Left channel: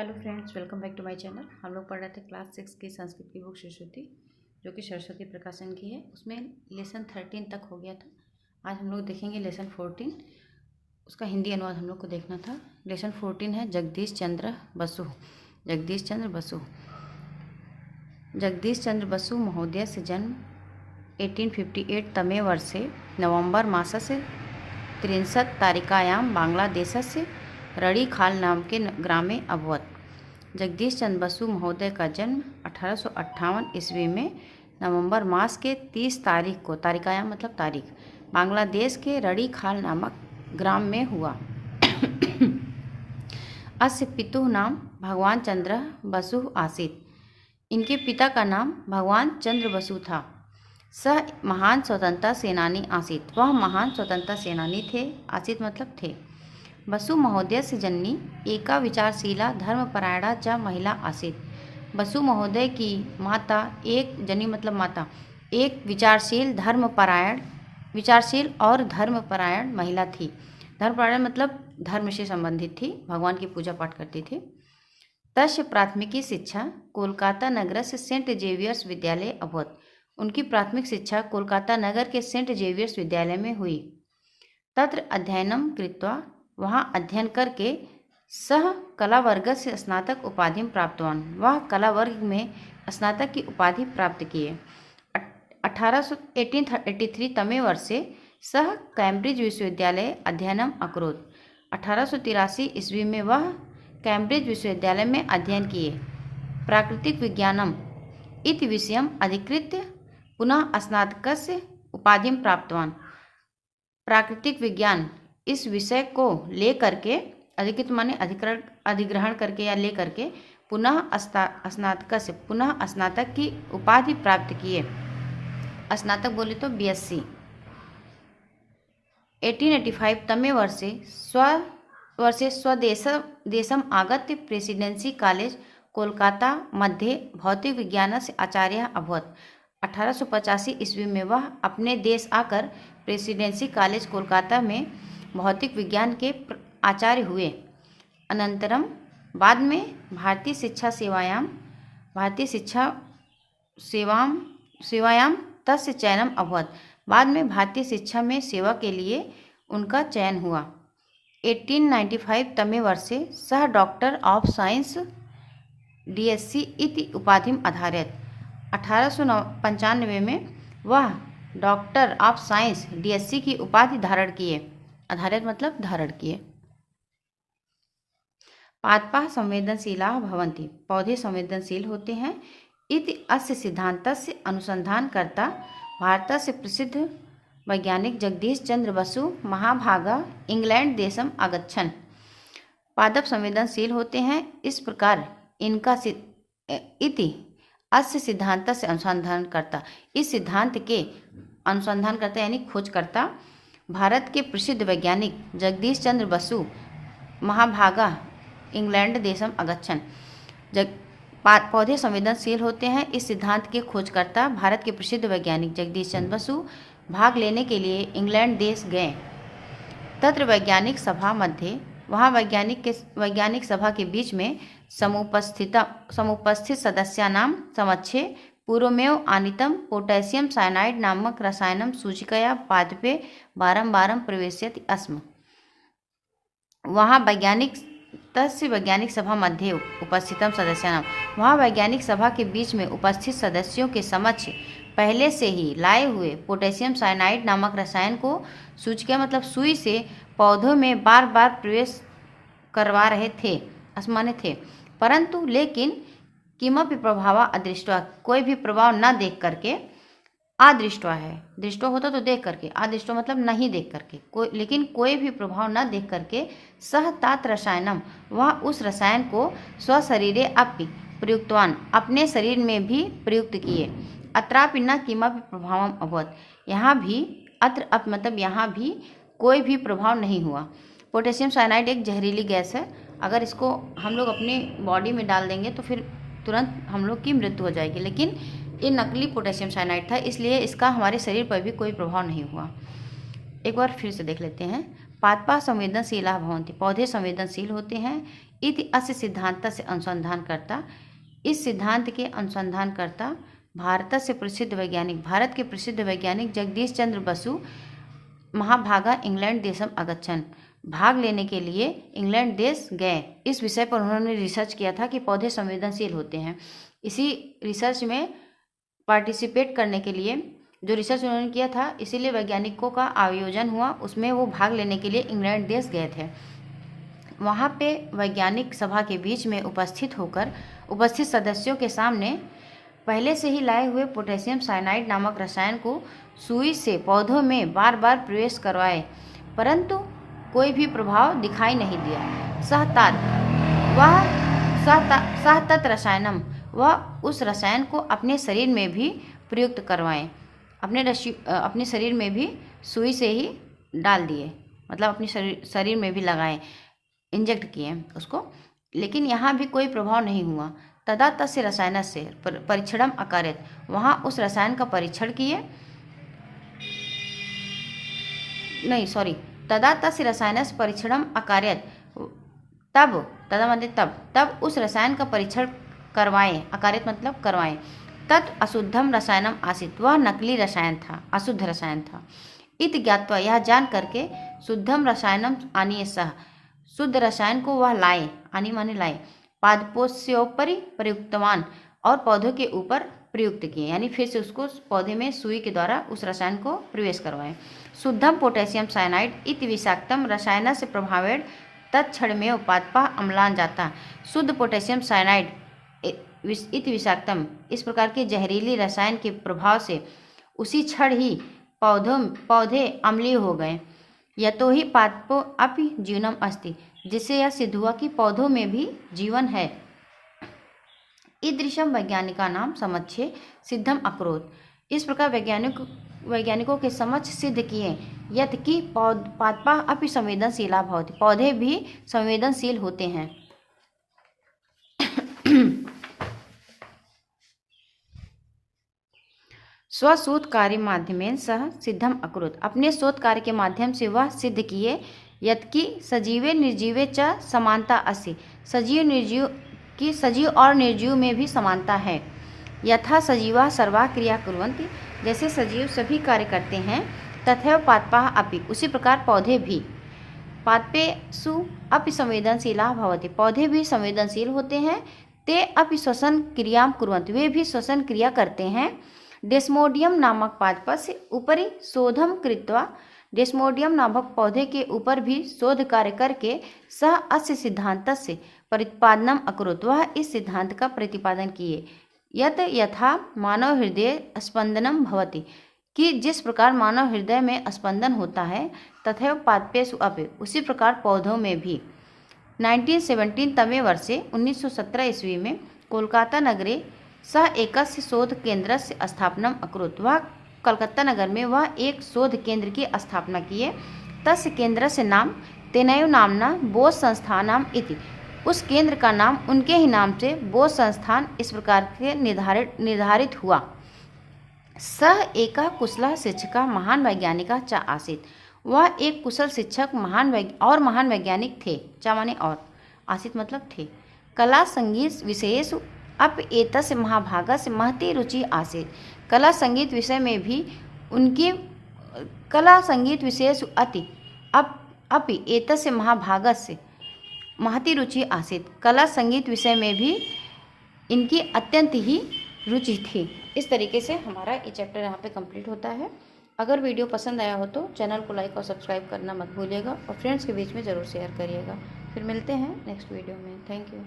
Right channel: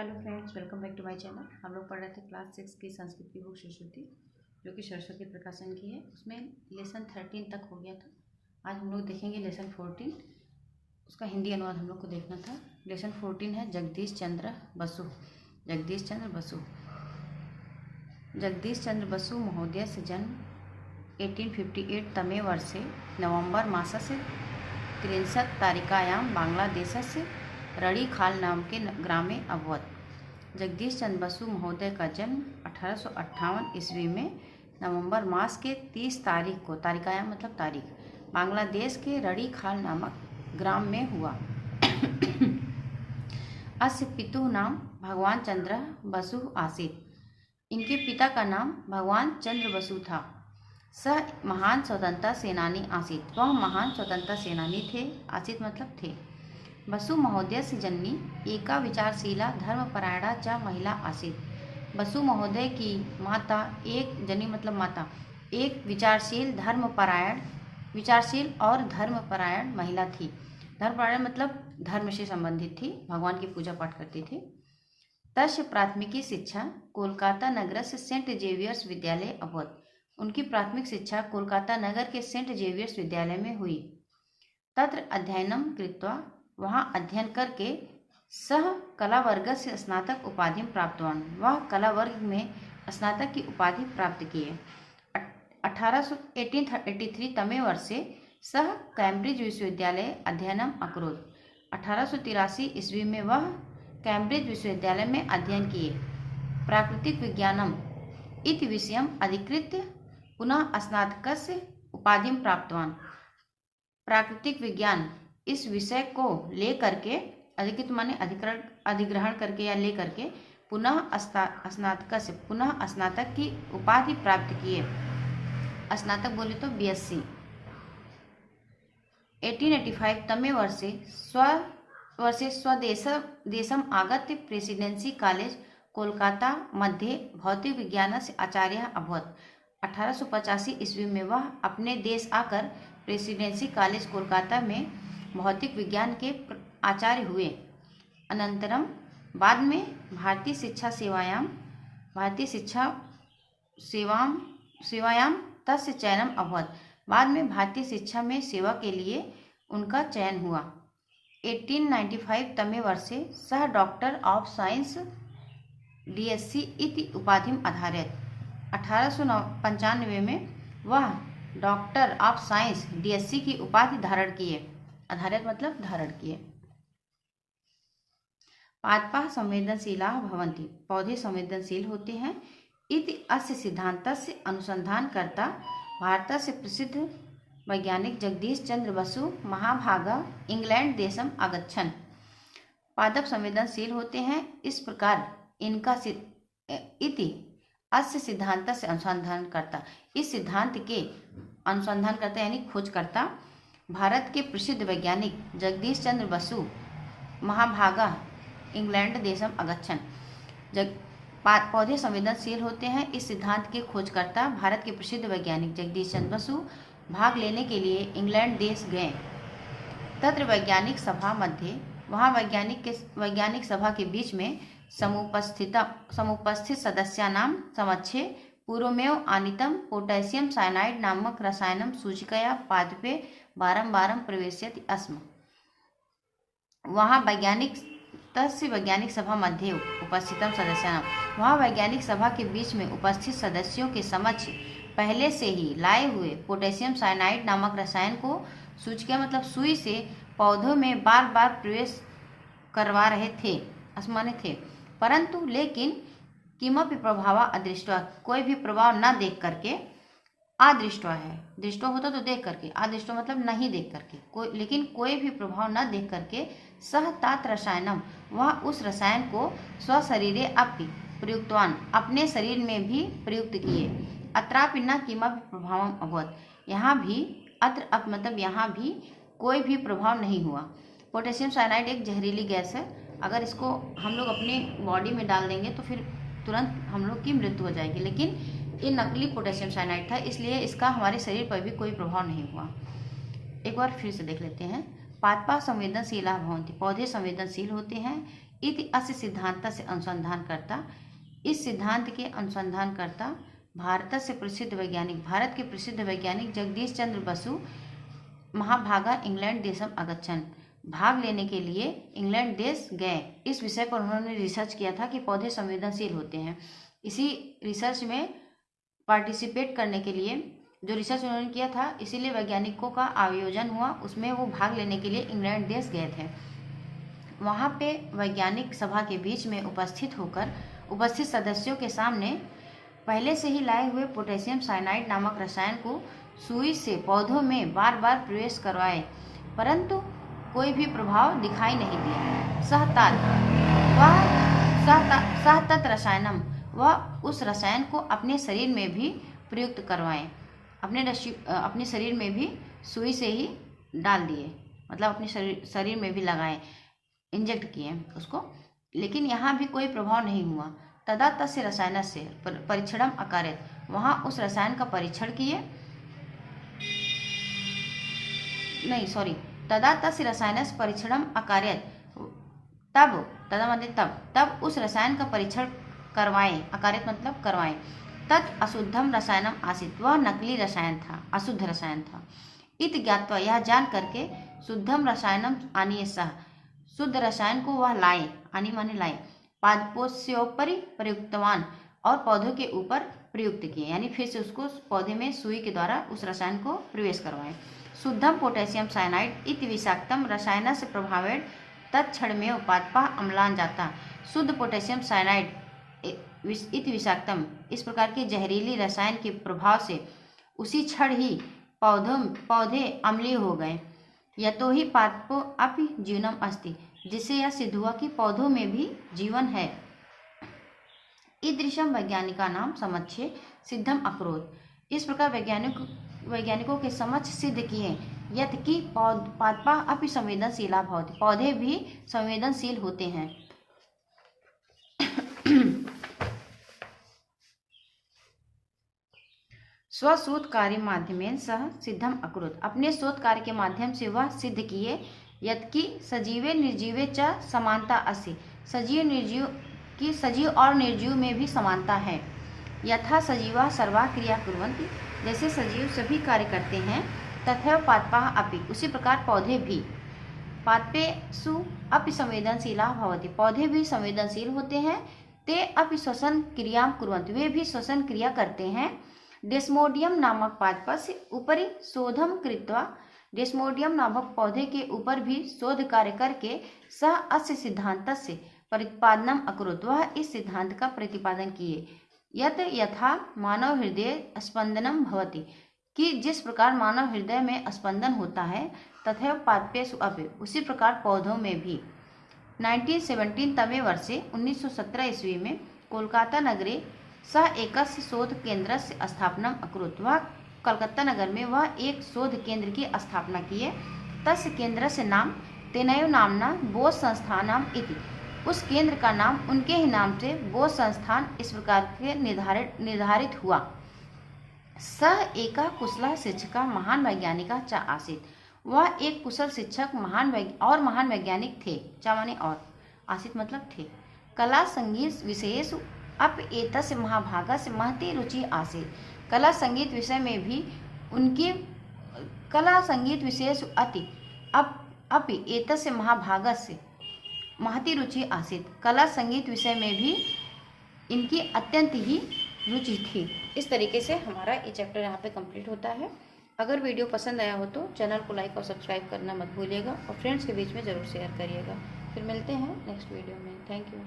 Hello friends, welcome back to my channel. हम लोग पढ़ रहे थे क्लास 6 की संस्कृत की बुक सरस्वती, जो कि सरस्वती प्रकाशन की है। उसमें लेसन 13 तक हो गया था। आज हम लोग देखेंगे लेसन 14। उसका हिंदी अनुवाद हम लोग को देखना था। लेसन 14 है जगदीश चंद्र बसु। जगदीश चंद्र बसु जगदीश चंद्र बसु महोदय से जन्म 1858 तमे वर्षे नवंबर मासस्य 63 तारिकायां बांग्लादेशस्य रड़ीखाल नाम के ग्रामे अभवत। जगदीश चंद्र बसु महोदय का जन्म 1858 ईस्वी में नवंबर मास के 30 तारीख को, तारिकायां मतलब तारीख, बांग्लादेश के रड़ीखाल नामक ग्राम में हुआ। अस्य पितुः नाम भगवान चंद्र बसु आसीत्। इनके पिता का नाम भगवान चंद्र बसु था। सह महान स्वतंत्रता सेनानी आसीत्। वह महान स्वतंत्रता सेनानी थे। आसीत् मतलब थे। बसु महोदय से जननी एका विचारशीला धर्मपरायणा च महिला आसीत्। बसु महोदय की माता एक जनी मतलब माता एक विचारशील और धर्मपरायण महिला थी। धर्मपरायण मतलब धर्म से संबंधित थी, भगवान की पूजा पाठ करती थी। तस्य प्राथमिकी शिक्षा कोलकाता नगर से सेंट जेवियर्स विद्यालय अभवत। उनकी प्राथमिक शिक्षा कोलकाता नगर के सेंट जेवियर्स विद्यालय में हुई। तत्र अध्ययनम कृत्वा, वहाँ अध्ययन करके, सह कला वर्ग से स्नातक उपाधि प्राप्तवान। वह कला वर्ग में स्नातक की उपाधि प्राप्त किए। 1883 तमे वर्षे सह कैम्ब्रिज विश्वविद्यालय अध्ययनम अकरोत्। 1883 ईस्वी में वह कैम्ब्रिज विश्वविद्यालय में अध्ययन किए। प्राकृतिक विज्ञानम इति विषयम अधिकृत्य पुनः स्नातकस्य उपाधि प्राप्तवान। प्राकृतिक विज्ञान इस विषय को लेकर के, अधिकृत माने अधिग्रहण करके या लेकर के, पुनः स्नातक की उपाधि प्राप्त किए। स्नातक बोले तो बीएससी। 1885 तमे वर्षे स्वदेशम आगत्य प्रेसिडेंसी कॉलेज कोलकाता मध्ये भौतिक विज्ञान से आचार्य अभवत। 1885 ईस्वी में वह अपने देश आकर प्रेसिडेंसी कॉलेज कोलकाता में भौतिक विज्ञान के आचार्य हुए। अनंतरम बाद में भारतीय शिक्षा सेवायां तस्य चयनम अभवत। बाद में भारतीय शिक्षा में सेवा के लिए उनका चयन हुआ। 1895 तमे वर्षे सह डॉक्टर ऑफ साइंस डीएससी इति उपाधि आधारित। 1895 में वह डॉक्टर ऑफ साइंस डीएससी की उपाधि धारण किए। आधारित मतलब धारण किए। पादपाः संवेदनशीला भवन्ति। पौधे संवेदनशील होते हैं। इति अस्य सिद्धान्तस्य अनुसंधानकर्ता भारतस्य प्रसिद्ध वैज्ञानिक जगदीश चंद्र बसु महाभागा इंग्लैंड देशम आगच्छन्। पादप संवेदनशील होते हैं, इस प्रकार इनका इति अस्य सिद्धांत से अनुसंधान करता, इस सिद्धांत के अनुसंधान करता यानी खोज करता भारत के प्रसिद्ध वैज्ञानिक जगदीश चंद्र बसु महाभागा इंग्लैंड देशम अगच्छन्। पौधे संवेदनशील होते हैं, इस सिद्धांत के खोजकर्ता भारत के प्रसिद्ध वैज्ञानिक जगदीश चंद्र बसु भाग लेने के लिए इंग्लैंड देश गए। तत्र वैज्ञानिक सभा मध्ये, वहाँ वैज्ञानिक सभा के बीच में समुपस्थित सदस्यानां समक्षे पूर्वमेव आनीतम पोटेशियम साइनाइड नामक रसायनम सूचिकया पादपे बारंबारं प्रवेश्यति स्म। वहाँ वैज्ञानिक सभा मध्ये उपस्थितम सदस्यानां, वहाँ वैज्ञानिक सभा के बीच में उपस्थित सदस्यों के समक्ष पहले से ही लाए हुए पोटेशियम साइनाइड नामक रसायन को सूचिका मतलब सुई से पौधों में बार बार प्रवेश करवा रहे थे, आसमाने थे। परंतु लेकिन किमपि प्रभाव अदृष्ट्वा, कोई भी प्रभाव न देख करके, अदृष्ट्वा है, दृष्टो होता तो देख करके, अदृष्टो मतलब नहीं देख करके, लेकिन कोई भी प्रभाव न देख करके, सह तात रसायनम, वह उस रसायन को स्वशरीरे अपि प्रयुक्तवान, अपने शरीर में भी प्रयुक्त किए। अत्रापि न किमपि प्रभावम अभवत, यहाँ भी, अत्र अप मतलब यहाँ भी कोई भी प्रभाव नहीं हुआ। पोटेशियम साइनाइड एक जहरीली गैस है, अगर इसको हम लोग अपने बॉडी में डाल देंगे तो फिर तुरंत हम लोग की मृत्यु हो जाएगी, लेकिन ये नकली पोटेशियम साइनाइड था, इसलिए इसका हमारे शरीर पर भी कोई प्रभाव नहीं हुआ। एक बार फिर से देख लेते हैं। पादपाः संवेदनशीला भवन्ति। पौधे संवेदनशील होते हैं। इति अस्य सिद्धांत से अनुसंधानकर्ता। इस सिद्धांत के अनुसंधानकर्ता भारत से प्रसिद्ध वैज्ञानिक, भारत के प्रसिद्ध वैज्ञानिक जगदीश चंद्र बसु महाभागा इंग्लैंड देशम अगच्छन, भाग लेने के लिए इंग्लैंड देश गए। इस विषय पर उन्होंने रिसर्च किया था कि पौधे संवेदनशील होते हैं। इसी रिसर्च में पार्टिसिपेट करने के लिए जो रिसर्च उन्होंने किया था, इसीलिए वैज्ञानिकों का आयोजन हुआ, उसमें वो भाग लेने के लिए इंग्लैंड देश गए थे। वहाँ पे वैज्ञानिक सभा के बीच में उपस्थित सदस्यों के सामने पहले से ही लाए हुए पोटेशियम साइनाइड नामक रसायन को सुई से पौधों में बार बार प्रवेश करवाए, परंतु कोई भी प्रभाव दिखाई नहीं दिया। सहतत रसायनम, वह उस रसायन को अपने शरीर में भी प्रयुक्त करवाएं, अपने शरीर में भी सुई से ही डाल दिए, मतलब अपने शरीर में भी लगाए, इंजेक्ट किए उसको, लेकिन यहाँ भी कोई प्रभाव नहीं हुआ। तदा तस्य रसायन से परीक्षणम अकार्यत, वहाँ उस रसायन का परीक्षण किए, तदा तस्य रसायन से परीक्षणम अकार्यत, तब उस रसायन का परीक्षण करवाएं, अकार्यत मतलब करवाएं। तत् अशुद्धम रसायनम आसीत, वह नकली रसायन था, अशुद्ध रसायन था। इत ज्ञात्वा, यह जान करके, शुद्धम रसायनम आनीय सह, शुद्ध रसायन को वह लाए, आनी माने लाए, पादपोष्योपरि प्रयुक्तवान, और पौधों के ऊपर प्रयुक्त किए, यानी फिर से उसको पौधे में सुई के द्वारा उस रसायन को प्रवेश करवाएं। शुद्धम पोटेशियम साइनाइड इति विषाक्तम रसायन से प्रभावेण तत्क्षणमेव पादपः अम्लान जाता। शुद्ध पोटेशियम साइनाइड इति विषाक्तम, इस प्रकार के जहरीली रसायन के प्रभाव से उसी क्षण ही पौधे अम्लीय हो गए। यतो ही पादपो अपि जीवनम अस्ति, जिससे यह सिद्ध हुआ कि पौधों में भी जीवन है। ईदृशम वैज्ञानिका नाम समक्षे सिद्धम अकरोत, इस प्रकार वैज्ञानिकों के समक्ष सिद्ध किए, यत् कि पादपा अपि संवेदनशीला भवति, पौधे भी संवेदनशील होते हैं। स्वशोध कार्य माध्यमेन सह सिद्धम अकरोत, अपने शोध कार्य के माध्यम से वह सिद्ध किए, यत्कि सजीवे निर्जीवे च समानता अस्ति, सजीव और निर्जीव में भी समानता है। यथा सजीवा सर्वा क्रिया कुर्वन्ति, जैसे सजीव सभी कार्य करते हैं, तथैव पादपाः अपि, उसी प्रकार पौधे भी। पादपेषु अपि संवेदनशीला भवति, पौधे भी संवेदनशील होते हैं। ते अपि श्वसन क्रियां कुर्वन्ति, वे भी श्वसन क्रिया करते हैं। डेस्मोडियम नामक पादपस्य उपरि शोधम कृत्वा, डेस्मोडियम नामक पौधे के ऊपर भी शोध कार्य करके सह अस्य सिद्धांतस्य प्रतिपादनम अकरोत्, वह इस सिद्धांत का प्रतिपादन किए। यत यथा मानव हृदय स्पंदनम भवति, कि जिस प्रकार मानव हृदय में स्पंदन होता है, तथैव पादपेषु अपि, उसी प्रकार पौधों में भी। 1917 तमे वर्षे 1917 ईस्वी में कोलकाता नगरे सह एकस्य शोध केंद्रस्य स्थापनम अकरोत्, वह कलकत्ता नगर में वह एक शोध केंद्र की स्थापना किए। तस्य केंद्रस्य नाम तेनैव नाम्ना बोस संस्थानम इति, उस केंद्र का नाम उनके ही नाम से बोस संस्थान इस प्रकार के निर्धारित हुआ। सह एका कुशला शिक्षका महान वैज्ञानिका च आसीत्, वह एक कुशल शिक्षक महान वैज्ञानिक थे। चा माने और, आसीत् मतलब थे। कला संगीत विषयेषु अपि एतस्य महाभागस्य महती रुचि आसीत्, कला संगीत विषय में भी उनकी कला संगीत विषयेषु अपि एतस्य महाभागस्य महती रुचि आसीत्, कला संगीत विषय में भी इनकी अत्यंत ही रुचि थी। इस तरीके से हमारा ये चैप्टर यहाँ पे कंप्लीट होता है। अगर वीडियो पसंद आया हो तो चैनल को लाइक और सब्सक्राइब करना मत भूलिएगा, और फ्रेंड्स के बीच में ज़रूर शेयर करिएगा। फिर मिलते हैं नेक्स्ट वीडियो में। Thank you.